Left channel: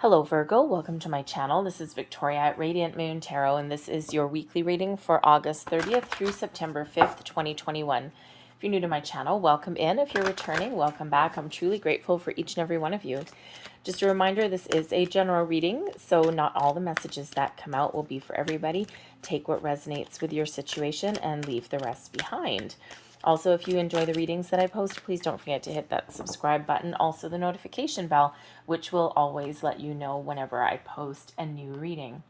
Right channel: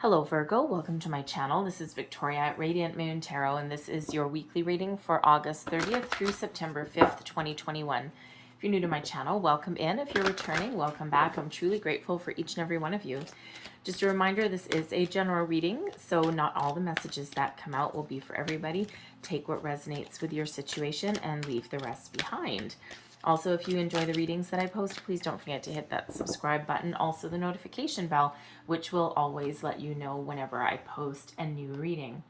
Hello Virgo, welcome to my channel. This is Victoria at Radiant Moon Tarot, and this is your weekly reading for August 30th through September 5th, 2021. If you're new to my channel, welcome in. If you're returning, welcome back. I'm truly grateful for each and every one of you. Just a reminder, this is a general reading, so not all the messages that come out will be for everybody. Take what resonates with your situation and leave the rest behind. Also, if you enjoy the readings that I post, please don't forget to hit that subscribe button, also the notification bell, which will always let you know whenever I post a new reading.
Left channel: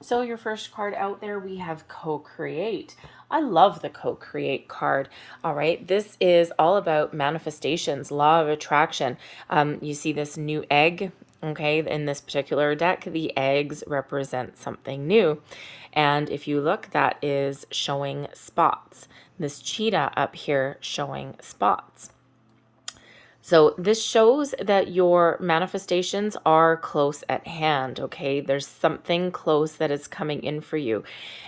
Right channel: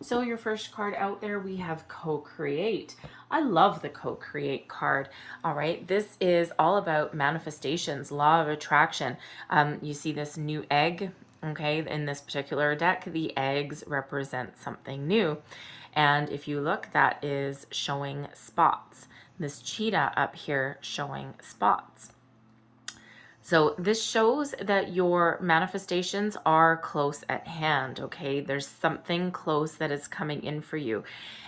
So your first card out there, we have co-create. I love the co-create card. All right, this is all about manifestations, law of attraction. You see this new egg, okay? In this particular deck, the eggs represent something new. And if you look, that is showing spots. This cheetah up here showing spots. So this shows that your manifestations are close at hand, okay? There's something close that is coming in for you.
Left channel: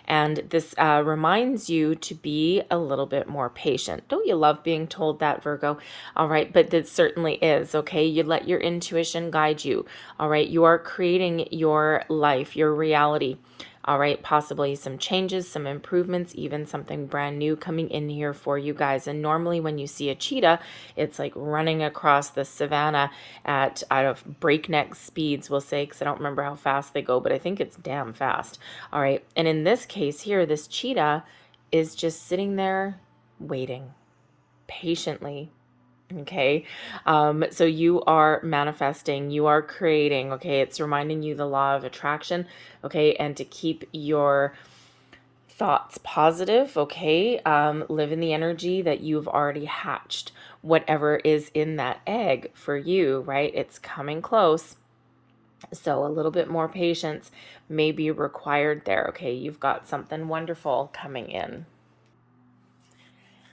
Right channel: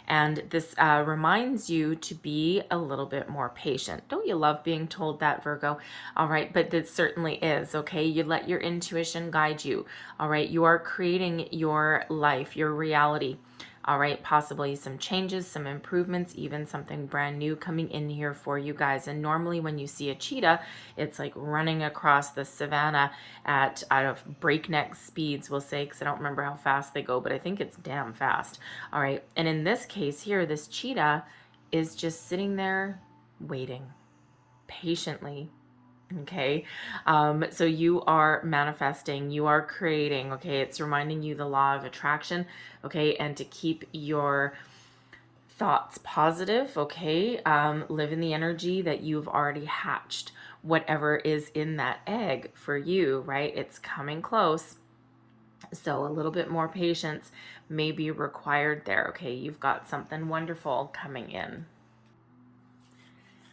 And this reminds you to be a little bit more patient. Don't you love being told that, Virgo? All right, but it certainly is, okay? You let your intuition guide you, all right? You are creating your life, your reality. All right, possibly some changes, some improvements, even something brand new coming in here for you guys. And normally when you see a cheetah, it's like running across the savannah at out of breakneck speeds, we'll say, because I don't remember how fast they go, but I think it's damn fast. All right, and in this case here, this cheetah is just sitting there waiting patiently. Okay, so you are manifesting, you are creating, okay? It's reminding you the law of attraction, okay? And to keep your thoughts positive, okay? Live in the energy that you've already hatched, whatever is in that egg for you, right? It's coming close. So a little bit more patience may be required there, okay? You've got something wonderful coming in.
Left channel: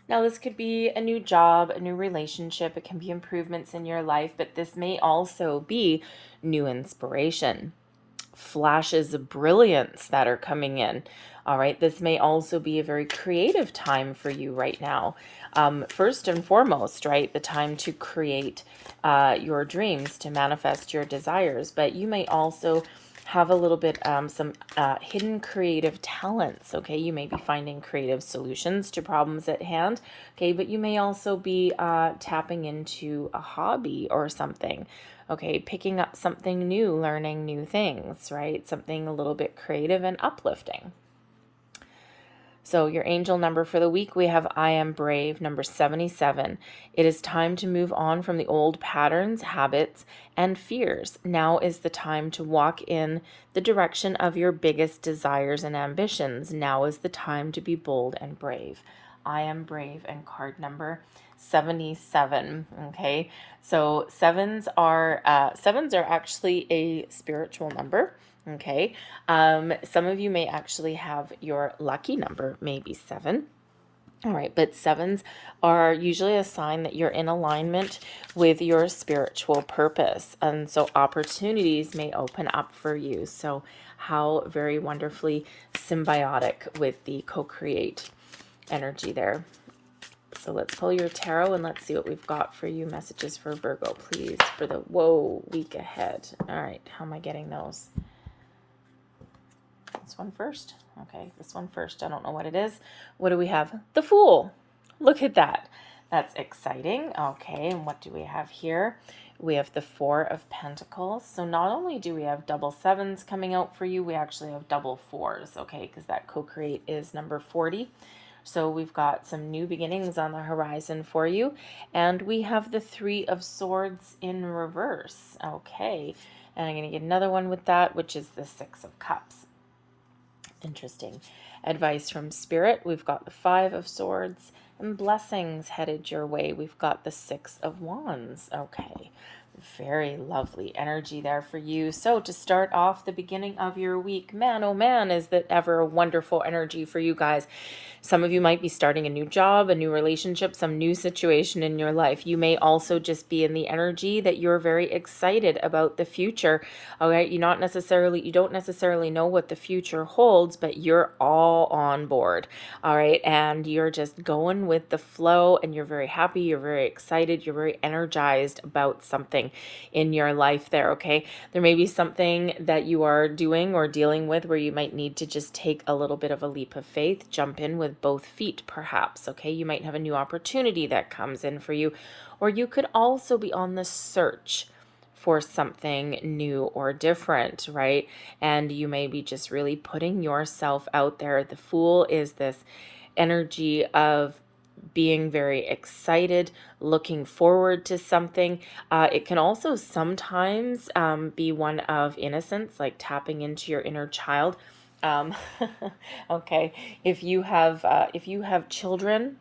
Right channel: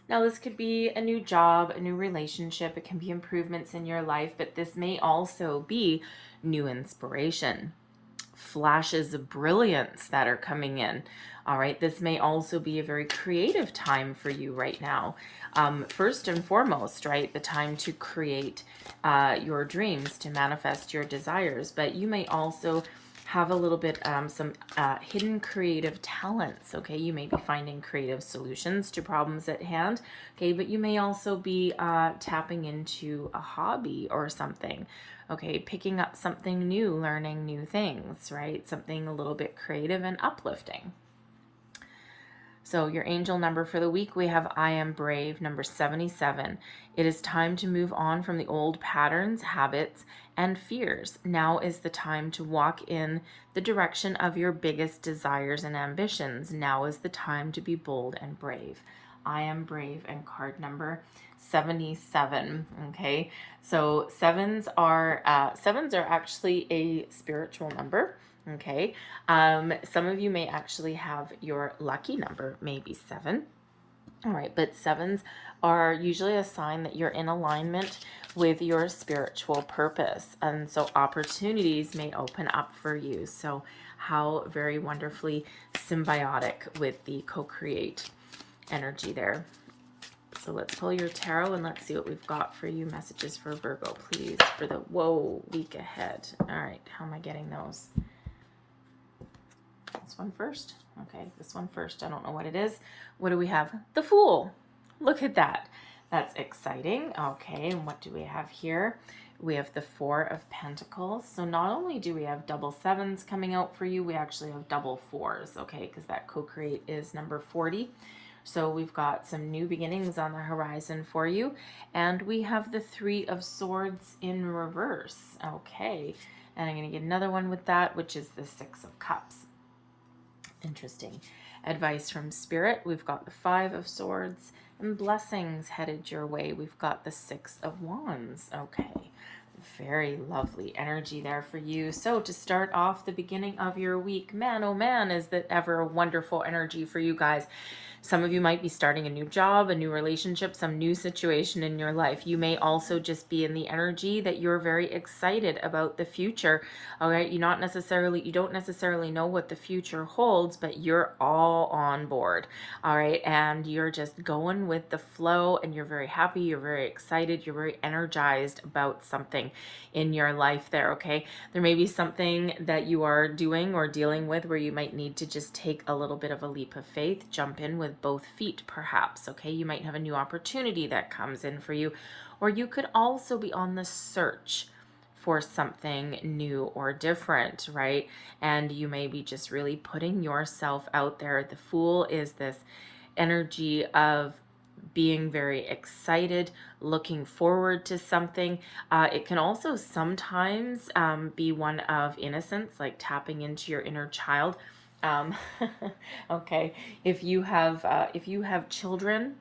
Now, this could be a new job, a new relationship. It can be improvements in your life, but this may also be new inspiration, flashes of brilliance that are coming in. All right, this may also be a very creative time for you right now. First and foremost, right, the time to create your dreams, to manifest your desires, but you may also have a little bit some hidden creative talents. Okay, you may be finding creative solutions to problems at hand. Okay, but you may also be tapping into a hobby or something. Okay, picking up something new, learning new things, right? Something a little bit creative and uplifting. So your angel number for the week, we have I am brave, number 77. It is time to move on from the old patterns, habits, and fears. Now is the time to walk in the direction of your biggest desires and ambitions. Now is the time to be bold and brave. I am brave, and card number 77. Okay, so sevens are actually a spiritual number. Okay, some of you may actually have your lucky number, maybe 7. All right, but sevens are usually a sign that you're in alignment with your spiritual purpose. And so opportunities may open up for you. So how very wonderfully symbiotic with the co-create energy there. So let's pull your tarot and let's see what we've got for you. Messages for Virgo, please, for the week ahead. All right, how am I getting those? This one first. Okay, this one first. I don't know what it is. What do we have? The Fool. Look at that. That's exciting. Okay, and what do we have here? We have the Four of Pentacles. So not only do we have double sevens coming out for you, we actually have double fours, okay, because that co-create is number 40. So we've got some new beginnings on the horizon for you. And we have the Three of Swords in reverse. Okay, and I'm going to get another one with that, which is the Six of Cups. Interesting. Advice from Spirit. We've got the Five of Swords, and blessings headed your way. We've got the Six of Wands. Okay. Very lovely energy there for you. So to start off the beginning of your week, man, oh man, is that ever a wonderful energy for you guys. Some of you might be starting a new job, a new relationship, some new situation in your life. You may also just be in the energy that you're very excited about the future. All right, you don't necessarily know what the future holds, but you're all on board. All right, and you're just going with the flow, and you're very happy, you're very excited, you're very energized about something in your life there. Okay, there may be something that you are doing or dealing with where you might need to just take a little bit of a leap of faith, jump in with both feet perhaps. Okay, you might have a new opportunity that comes in for you, or you could also be on the search for something new or different, right? And you may be just really putting yourself out there. The Fool is this energy of being very excited, looking forward to something. It can also sometimes be one of innocence, like tapping into your inner child. Um, okay, if you have children,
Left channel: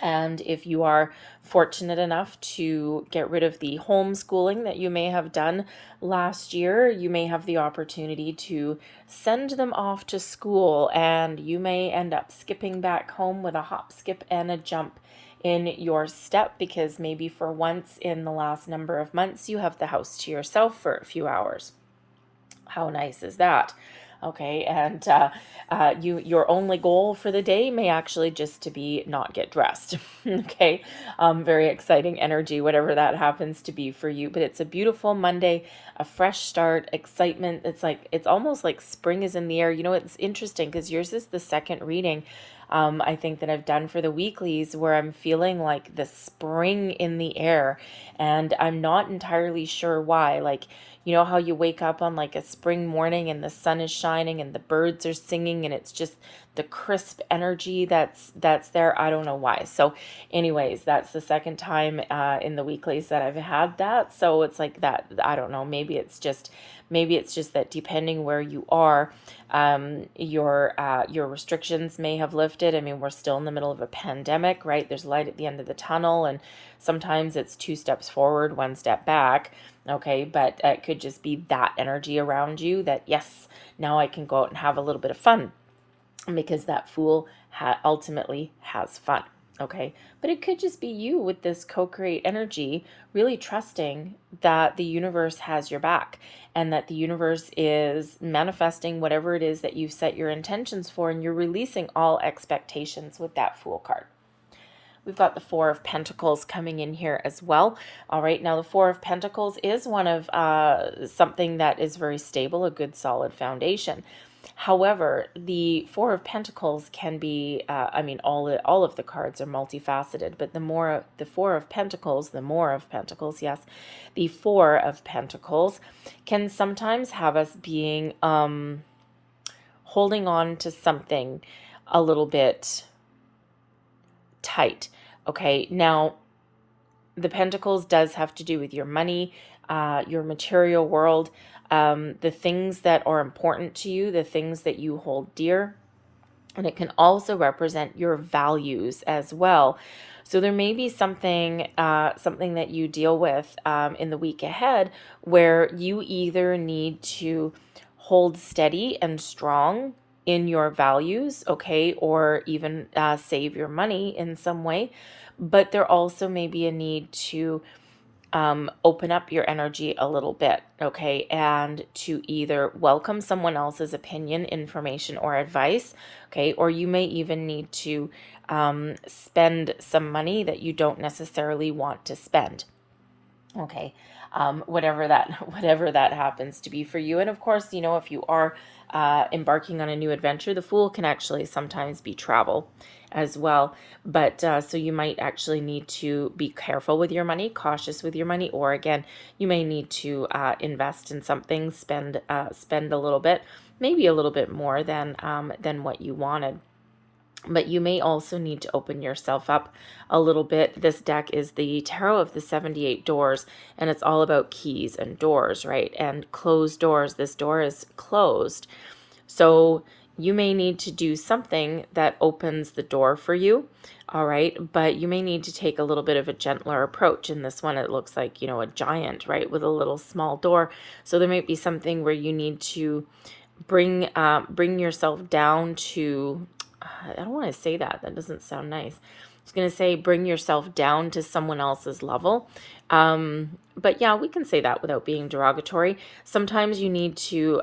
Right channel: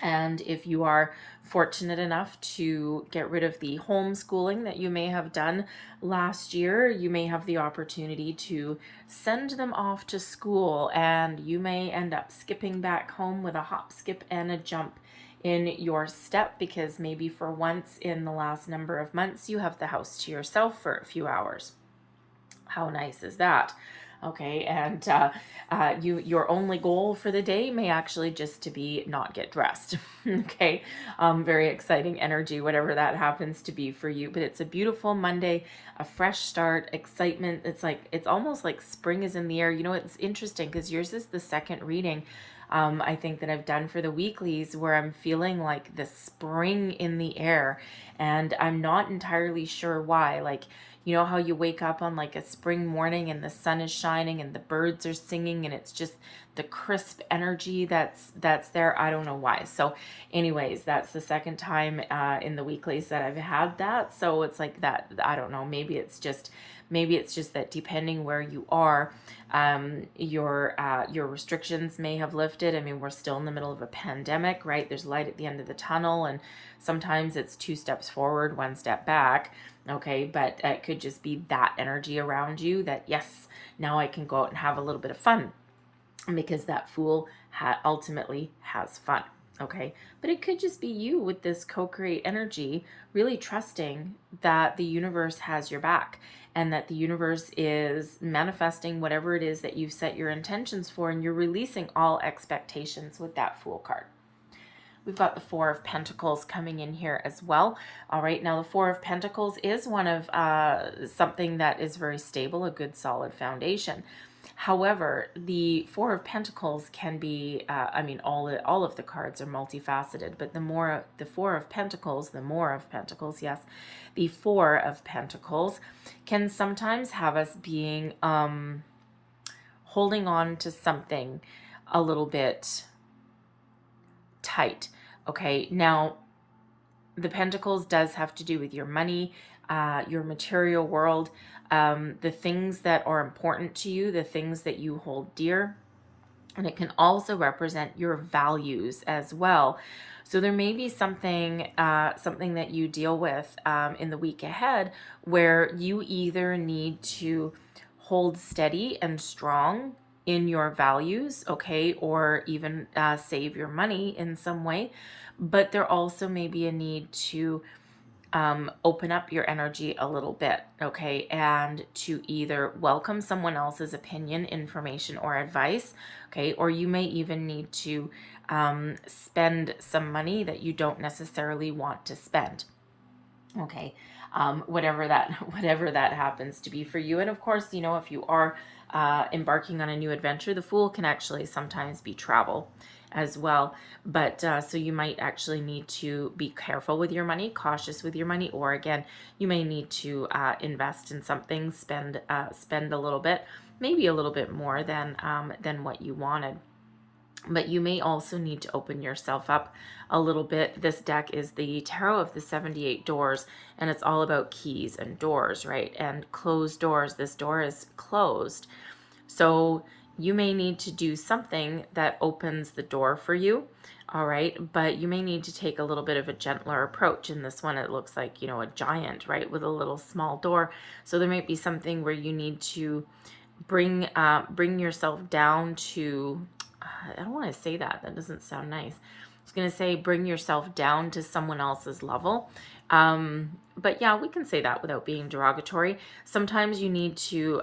and if you are fortunate enough to get rid of the homeschooling that you may have done last year, you may have the opportunity to send them off to school, and you may end up skipping back home with a hop, skip, and a jump in your step, because maybe for once in the last number of months you have the house to yourself for a few hours. How nice is that? Okay, and your only goal for the day may actually just to be not get dressed. Okay, very exciting energy, whatever that happens to be for you. But it's a beautiful Monday, a fresh start, excitement. It's almost like spring is in the air. You know, it's interesting because yours is the second reading. I think that I've done for the weeklies where I'm feeling like the spring in the air, and I'm not entirely sure why. Like, you know how you wake up on like a spring morning and the sun is shining and the birds are singing, and it's just the crisp energy that's there. I don't know why. So anyways, that's the second time in the weeklies that I've had that. So it's like that. I don't know. Maybe it's just that depending where you are, your restrictions may have lifted. I mean, we're still in the middle of a pandemic, right? There's light at the end of the tunnel, and sometimes it's 2 steps forward, 1 step back. Okay, but it could just be that energy around you that, yes, now I can go out and have a little bit of fun, because that Fool ultimately has fun. Okay, but it could just be you with this co-create energy, really trusting that the universe has your back, and that the universe is manifesting whatever it is that you've set your intentions for, and you're releasing all expectations with that Fool card. We've got the Four of Pentacles coming in here as well. All right, now the Four of Pentacles is one of something that is very stable, a good solid foundation. However, the Four of Pentacles can be, I mean, all of the cards are multifaceted, but the Four of Pentacles, the more of Pentacles, yes, the Four of Pentacles can sometimes have us being, holding on to something a little bit tight. Okay, now the Pentacles does have to do with your money, your material world, the things that are important to you, the things that you hold dear. And it can also represent your values as well. So there may be something that you deal with in the week ahead, where you either need to hold steady and strong in your values, okay, or even save your money in some way. But there also may be a need to open up your energy a little bit, okay, and to either welcome someone else's opinion, information, or advice, okay, or you may even need to spend some money that you don't necessarily want to spend, okay, whatever that happens to be for you. And of course, you know, if you are embarking on a new adventure, the Fool can actually sometimes be travel as well. But so you might actually need to be careful with your money, cautious with your money, or again, you may need to invest in something, spend a little bit, maybe a little bit more than what you wanted. But you may also need to open yourself up a little bit. This deck is the Tarot of the 78 Doors, and it's all about keys and doors, right? And closed doors. This door is closed. So you may need to do something that opens the door for you, all right? But you may need to take a little bit of a gentler approach. In this one, it looks like, you know, a giant, right, with a little small door. So there might be something where you need to bring yourself down to I don't want to say that. That doesn't sound nice. I was going to say bring yourself down to someone else's level. But yeah, we can say that without being derogatory. Sometimes you need to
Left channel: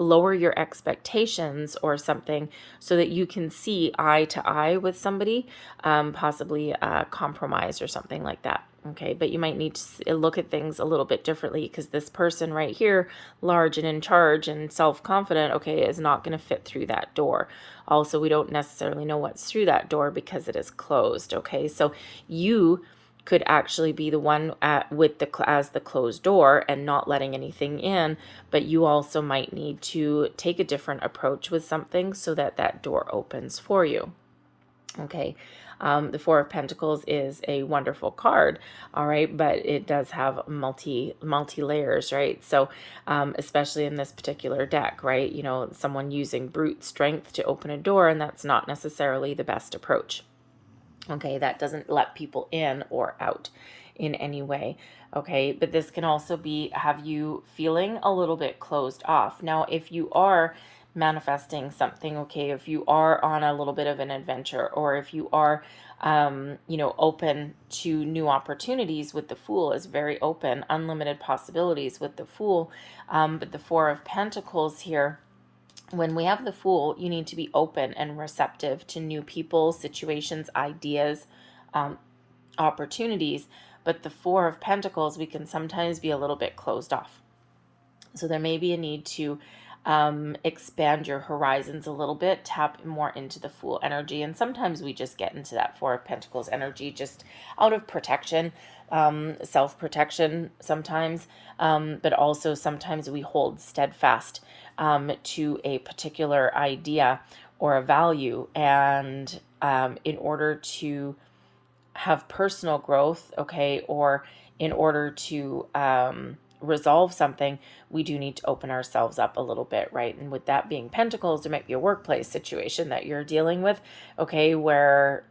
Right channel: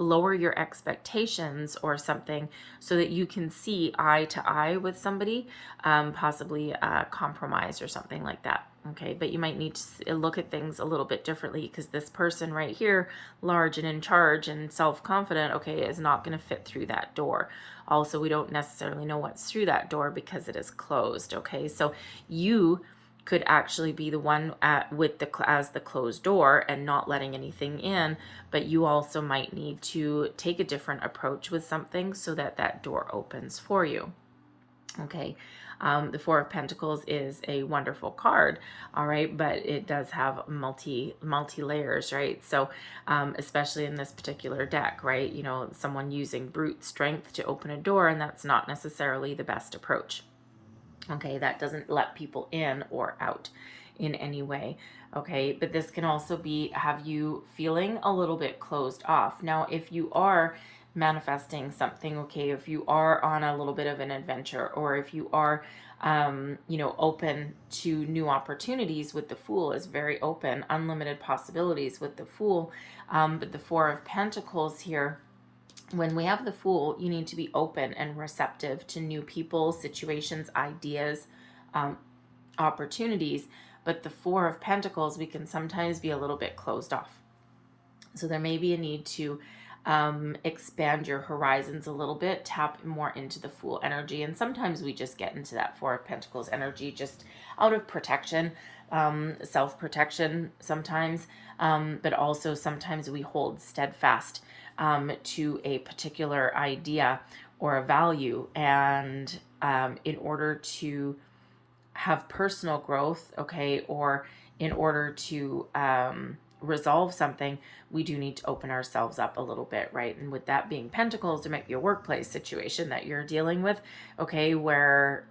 lower your expectations or something so that you can see eye to eye with somebody, possibly compromise or something like that. Okay, but you might need to look at things a little bit differently because this person right here, large and in charge and self-confident, okay, is not going to fit through that door. Also, we don't necessarily know what's through that door because it is closed. Okay, so you could actually be the one as the closed door and not letting anything in, but you also might need to take a different approach with something so that that door opens for you. Okay. The Four of Pentacles is a wonderful card, all right, but it does have multi layers, right? So especially in this particular deck, right, you know, someone using brute strength to open a door, and that's not necessarily the best approach. Okay, that doesn't let people in or out in any way. Okay, but this can also be have you feeling a little bit closed off. Now, if you are manifesting something, okay, if you are on a little bit of an adventure, or if you are open to new opportunities, with the Fool is very open, unlimited possibilities with the Fool. But the Four of Pentacles here, when we have the Fool, you need to be open and receptive to new people, situations, ideas, opportunities. But the Four of Pentacles, we can sometimes be a little bit closed off. So there may be a need to expand your horizons a little bit, tap more into the Fool energy. And sometimes we just get into that Four of Pentacles energy just out of protection, self-protection sometimes, but also sometimes we hold steadfast to a particular idea or a value. And in order to have personal growth, okay, or in order to resolve something, we do need to open ourselves up a little bit, right? And with that being Pentacles, there might be a workplace situation that you're dealing with, okay, where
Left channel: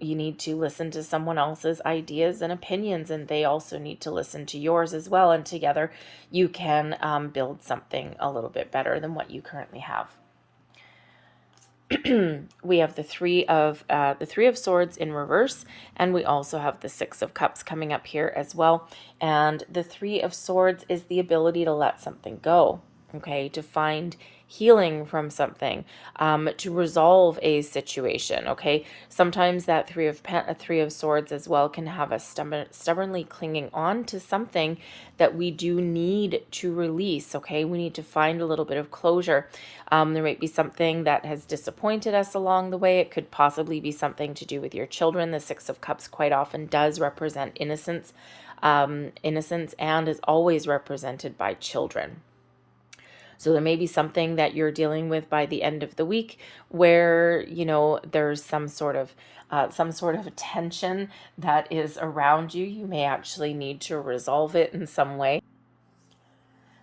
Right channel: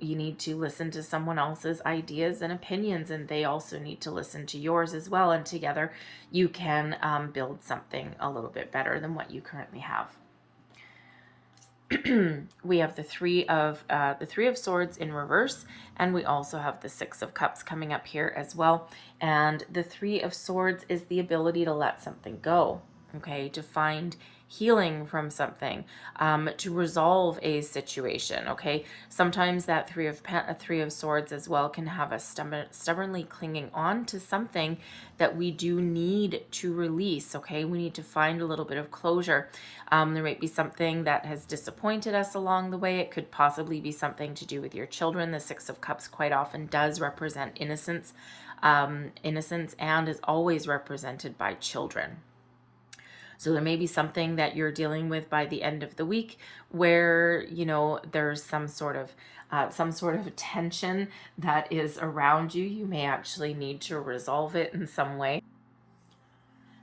you need to listen to someone else's ideas and opinions, and they also need to listen to yours as well. And together you can build something a little bit better than what you currently have. We have the three of Swords in reverse, and we also have the Six of Cups coming up here as well. And the Three of Swords is the ability to let something go, okay, to find healing from something, to resolve a situation, okay. Sometimes that Three of Swords as well can have us stubbornly clinging on to something that we do need to release, okay. We need to find a little bit of closure. There might be something that has disappointed us along the way. It could possibly be something to do with your children. The Six of Cups quite often does represent innocence, and is always represented by children. So there may be something that you're dealing with by the end of the week where, you know, there's some sort of tension that is around you. You may actually need to resolve it in some way.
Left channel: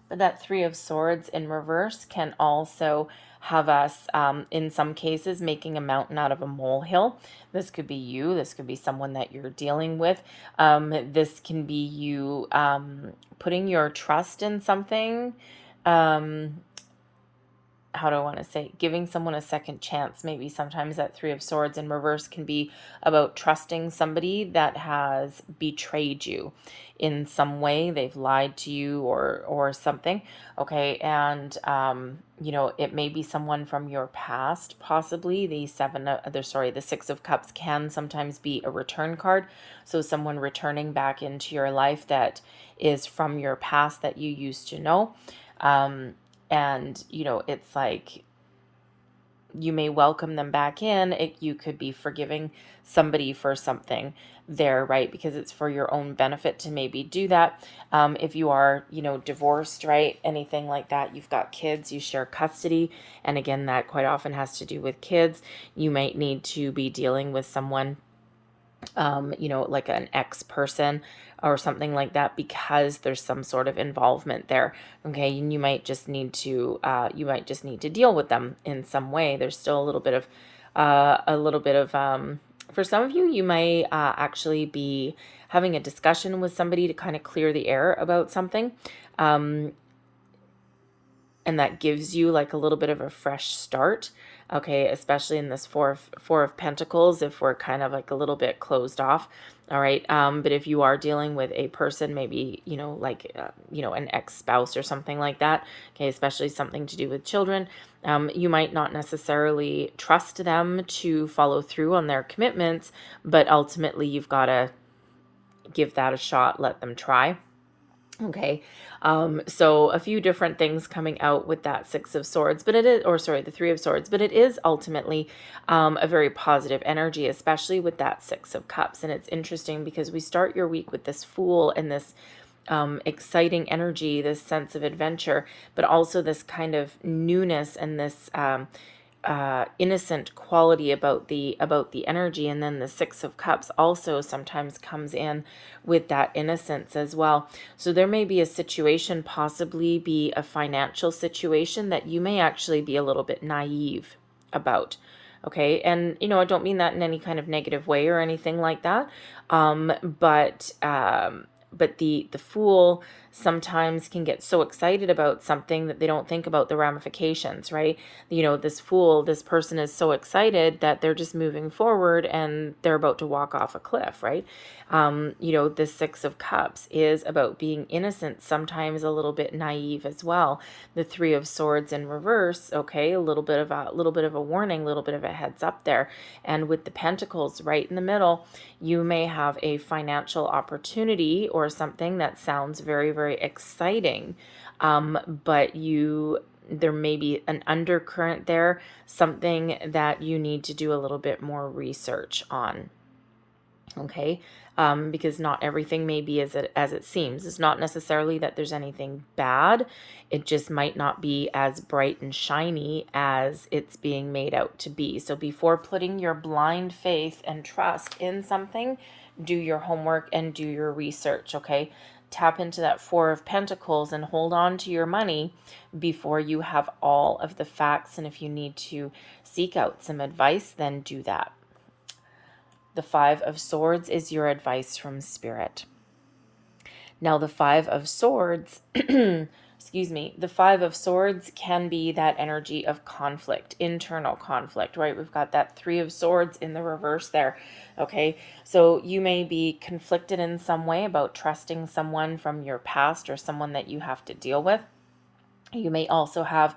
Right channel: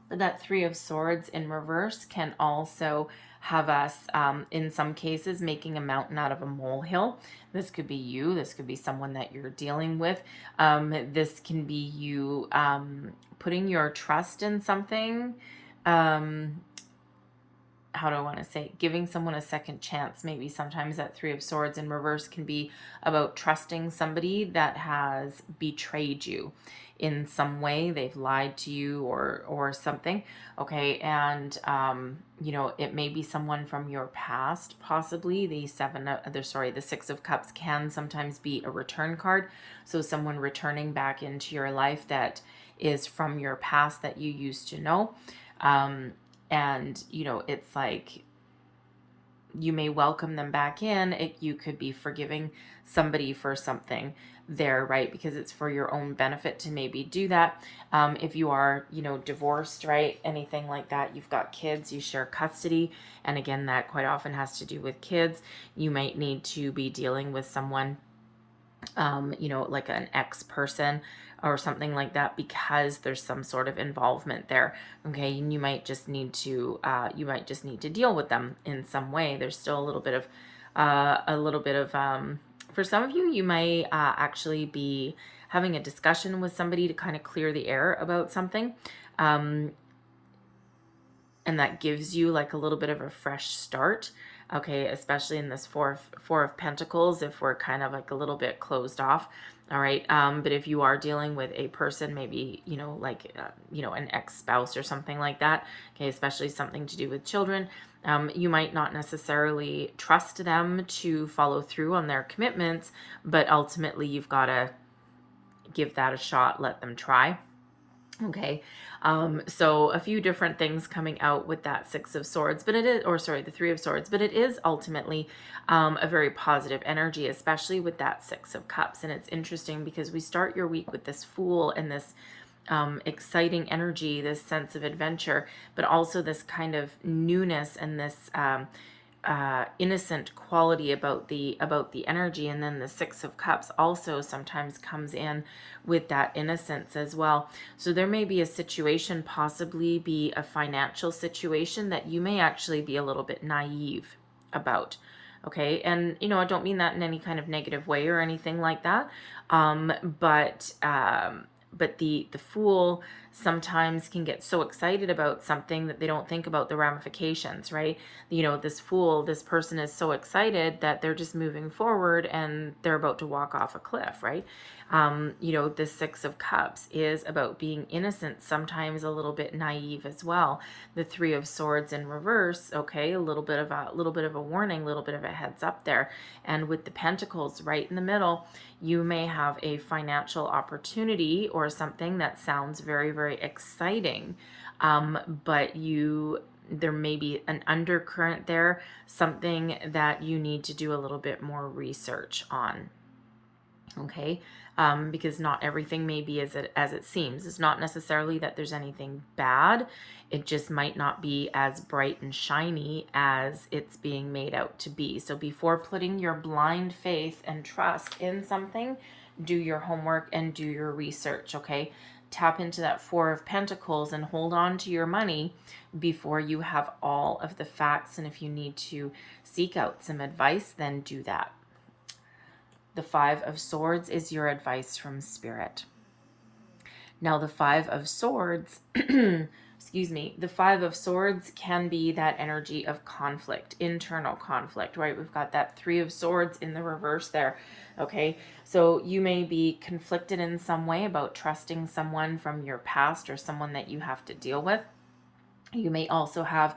But that Three of Swords in reverse can also have us, in some cases, making a mountain out of a molehill. This could be you. This could be someone that you're dealing with. This can be you putting your trust in something. How do I want to say, giving someone a second chance. Maybe sometimes that Three of Swords in reverse can be about trusting somebody that has betrayed you in some way. They've lied to you or something, okay. And it may be someone from your past, possibly. The Six of Cups can sometimes be a return card, so someone returning back into your life that is from your past that you used to know. And, it's like you may welcome them back in. You could be forgiving somebody for something there, right? Because it's for your own benefit to maybe do that. If you are, divorced, right? Anything like that, you've got kids, you share custody. And again, that quite often has to do with kids. You might need to be dealing with someone, like an ex-person or something like that, because there's some sort of involvement there, okay. And you might just need to deal with them in some way. There's still a little bit of for some of you, you may actually be having a discussion with somebody to kind of clear the air about something, and that gives you like a little bit of a fresh start. okay, especially in this four of Pentacles, if we're kind of like a little bit closed off. All right. But if you are dealing with a person, maybe, like, an ex-spouse or something like that, okay, especially something to do with children, you might not necessarily trust them to follow through on their commitments, but ultimately you've got to give that a shot, let them try. Okay. So a few different things coming out with that Six of Swords, but it is, or sorry, the Three of Swords, but it is ultimately a very positive energy, especially with that Six of Cups. And it's interesting because we start your week with this Fool and this exciting energy, this sense of adventure, but also this kind of newness and this innocent quality about the energy. And then the Six of Cups also sometimes comes in with that innocence as well. So there may be a situation, possibly be a financial situation, that you may actually be a little bit naive about. Okay. And, I don't mean that in any kind of negative way or anything like that. But the Fool sometimes can get so excited about something that they don't think about the ramifications, right? This Fool, this person is so excited that they're just moving forward and they're about to walk off a cliff, right? The Six of Cups is about being innocent, sometimes a little bit naive as well. The Three of Swords in reverse, okay, a little bit of a warning, a little bit of a heads up there. And with the Pentacles right in the middle, you may have a financial opportunity or something that sounds very, very exciting, but there may be an undercurrent there, something that you need to do a little bit more research on. Okay. Because not everything may be as it seems. It's not necessarily that there's anything bad. It just might not be as bright and shiny as it's being made out to be. So before putting your blind faith and trust in something, do your homework and do your research, okay? Tap into that Four of Pentacles and hold on to your money before you have all of the facts. And if you need to seek out some advice, then do that. The Five of Swords is your advice from Spirit. Now, the Five of Swords, excuse me, the Five of Swords can be that energy of conflict, internal conflict, right? We've got that Three of Swords in the reverse there, okay? So you may be conflicted in some way about trusting someone from your past or someone that you have to deal with. You may also have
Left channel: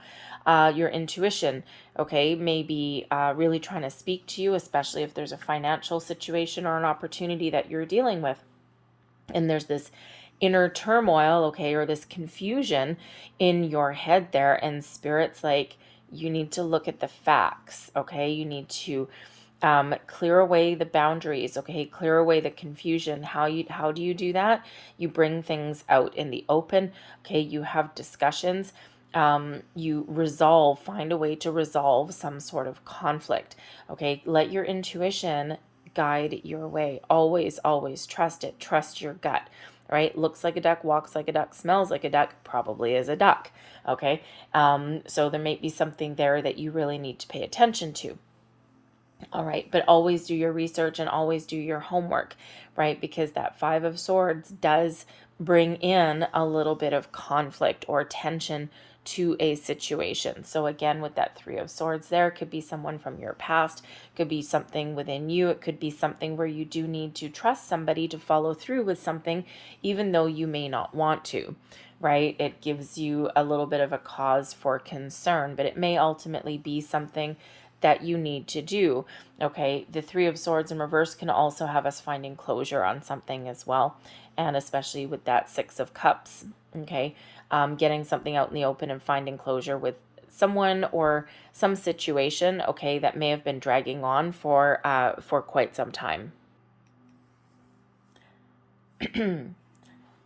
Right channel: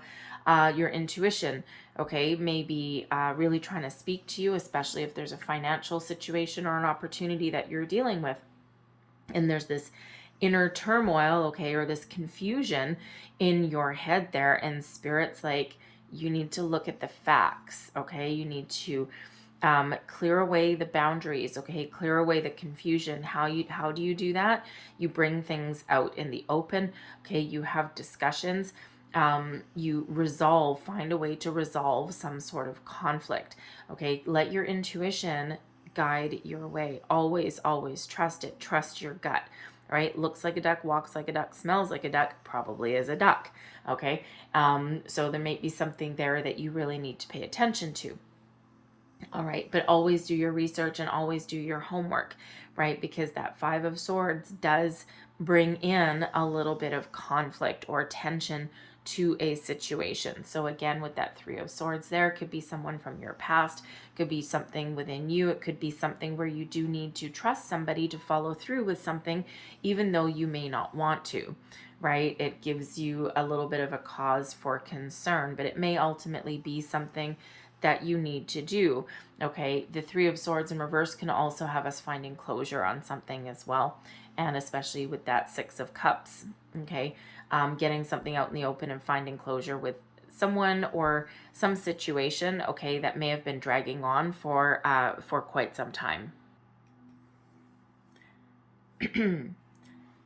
your intuition, okay, maybe really trying to speak to you, especially if there's a financial situation or an opportunity that you're dealing with. And there's this inner turmoil, okay, or this confusion in your head there. And Spirit's like, you need to look at the facts, okay? You need to clear away the boundaries, okay? Clear away the confusion. How do you do that? You bring things out in the open, okay? You have discussions. You find a way to resolve some sort of conflict, okay? Let your intuition guide your way. Always, always trust it. Trust your gut, right? Looks like a duck, walks like a duck, smells like a duck, probably is a duck, okay? So there may be something there that you really need to pay attention to. All right, but always do your research and always do your homework, right? Because that Five of Swords does bring in a little bit of conflict or tension to a situation. So again, with that Three of Swords there, could be someone from your past, could be something within you, it could be something where you do need to trust somebody to follow through with something, even though you may not want to, right? It gives you a little bit of a cause for concern, but it may ultimately be something that you need to do, okay? The Three of Swords in reverse can also have us finding closure on something as well, and especially with that Six of Cups, okay? Getting something out in the open and finding closure with someone or some situation, okay, that may have been dragging on for quite some time.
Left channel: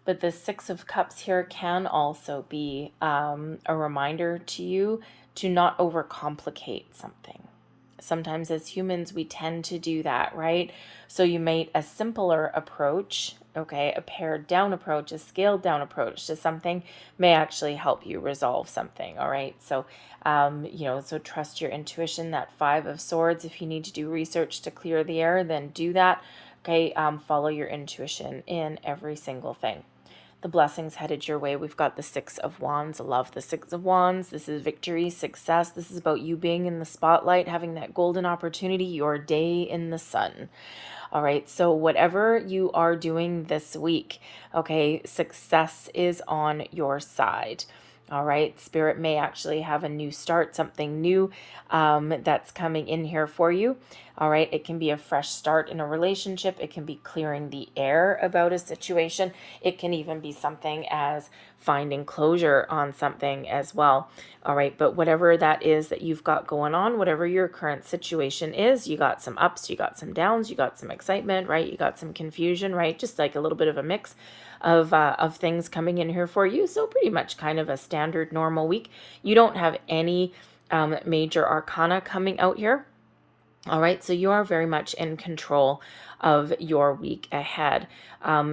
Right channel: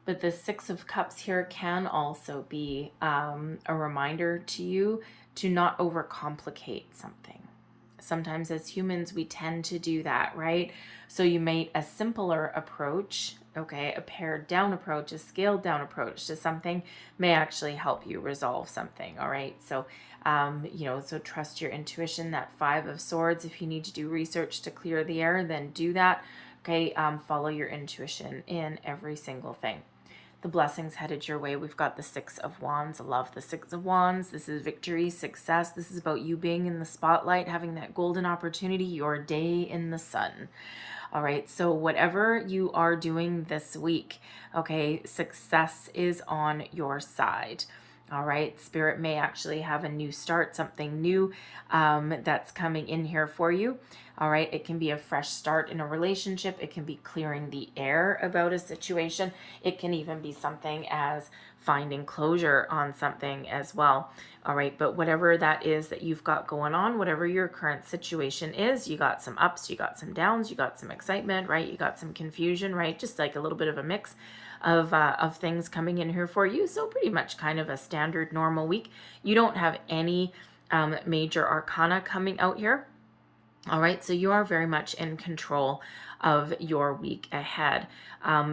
But the Six of Cups here can also be a reminder to you to not overcomplicate something. Sometimes as humans, we tend to do that, right? So you made a simpler approach, okay, a pared down approach, a scaled down approach to something may actually help you resolve something, all right? So, so trust your intuition, that Five of Swords. If you need to do research to clear the air, then do that, okay? Follow your intuition in every single thing. the blessings headed your way. We've got the Six of Wands. I love the Six of Wands. This is victory, success. This is about you being in the spotlight, having that golden opportunity, your day in the sun. All right, so whatever you are doing this week, okay, success is on your side. All right, Spirit may actually have a new start, something new that's coming in here for you. All right, it can be a fresh start in a relationship. It can be clearing the air about a situation. It can even be something as finding closure on something as well. All right, but whatever that is that you've got going on, whatever your current situation is, you got some ups, you got some downs, you got some excitement, right? You got some confusion, right? Just like a little bit of a mix of things coming in here for you. So pretty much kind of a standard normal week. You don't have any major arcana coming out here. All right, so you are very much in control of your week ahead.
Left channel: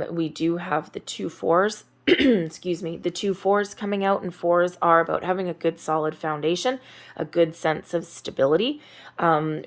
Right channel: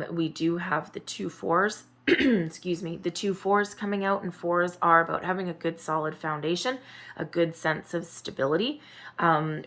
We do have the 2 4s. Excuse me, the 2 4s coming out, and 4s are about having a good solid foundation, a good sense of stability.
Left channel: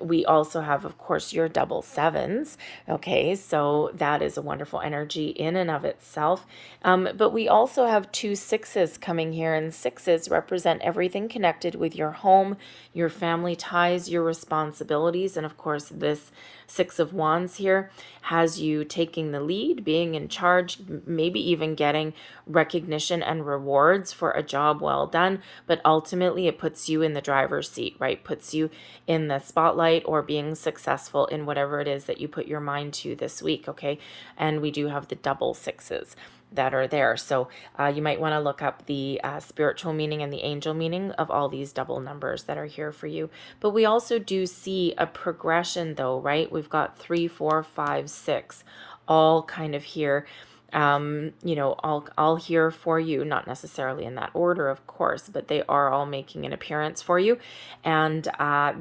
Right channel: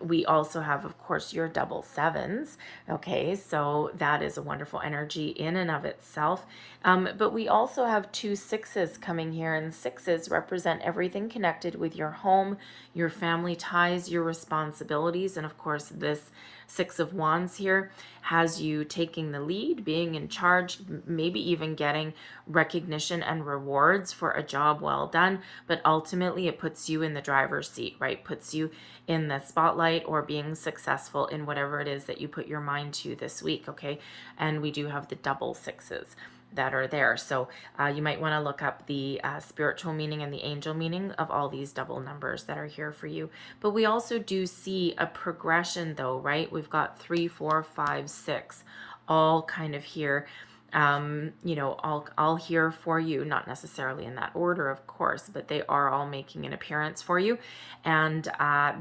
We also have, of course, your double 7s. Okay, so that is a wonderful energy in and of itself. But we also have 2 6s coming here, and 6s represent everything connected with your home, your family ties, your responsibilities, and of course, this 6 of Wands here has you taking the lead, being in charge, maybe even getting recognition and rewards for a job well done, but ultimately it puts you in the driver's seat, right? Puts you in the spotlight or being successful in whatever it is that you put your mind to this week, okay? And we do have the double 6s that are there. So you might want to look up the spiritual meaning and the angel meaning of all these double numbers that are here for you. But we also do see a progression though, right? We've got 3, 4, 5, 6, all kind of here. All here for you, not necessarily in that order, of course, but they are all making an appearance for you. And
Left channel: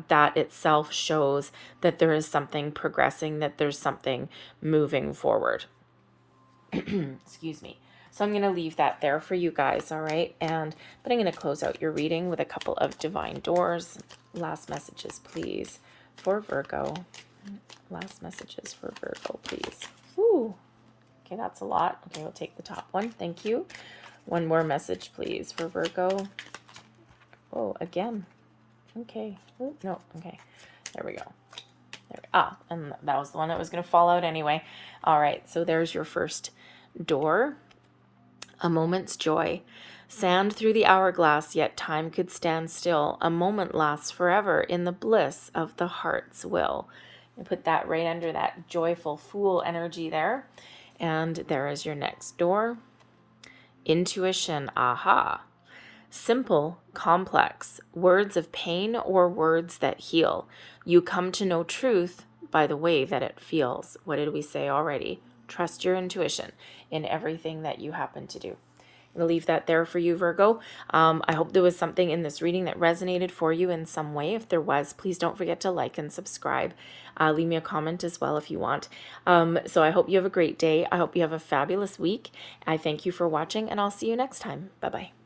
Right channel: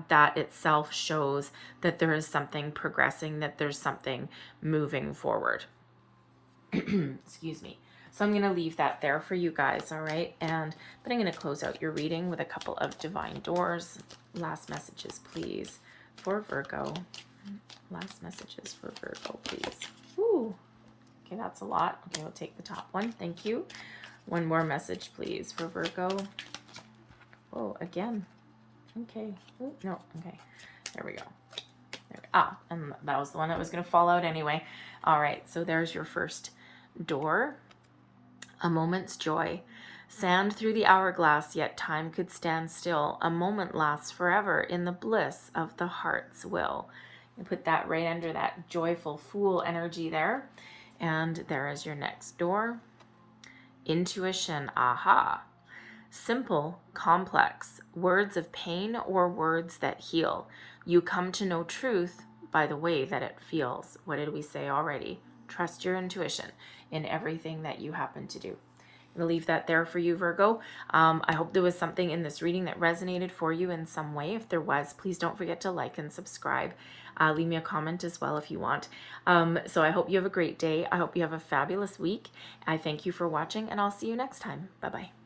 that itself shows that there is something progressing, that there's something moving forward. Excuse me. So I'm going to leave that there for you guys, all right? But I'm going to close out your reading with a couple of divine doors. Last messages, please, for Virgo. Last messages for Virgo, please. Ooh. Okay, that's a lot. Okay, we'll take the top one. Thank you. One more message, please, for Virgo. Oh, again. Okay. Oh, no. Okay. There we go. And that was the one that was going to fall out anyway. All right, so there's your first door. A moment's joy. Sand through the hourglass, yet time could stand still. A moment lasts forever in the bliss of the heart's will. And put that right under that joyful fool energy there. And there is your next door. Intuition, aha. Simple, complex, words of pain or words that heal. You come to know truth by the way that it feels. What did we say already? Trust your intuition in everything that you happen to do. I'm going to leave that there for you, Virgo. I hope there was something in this reading that resonated for you in some way. If there was, please don't forget to like and subscribe. Leave me a comment as well if you want. So I hope you have a great day. I hope you have a fabulous week. I thank you for watching, and I'll see you next time. Bye-bye.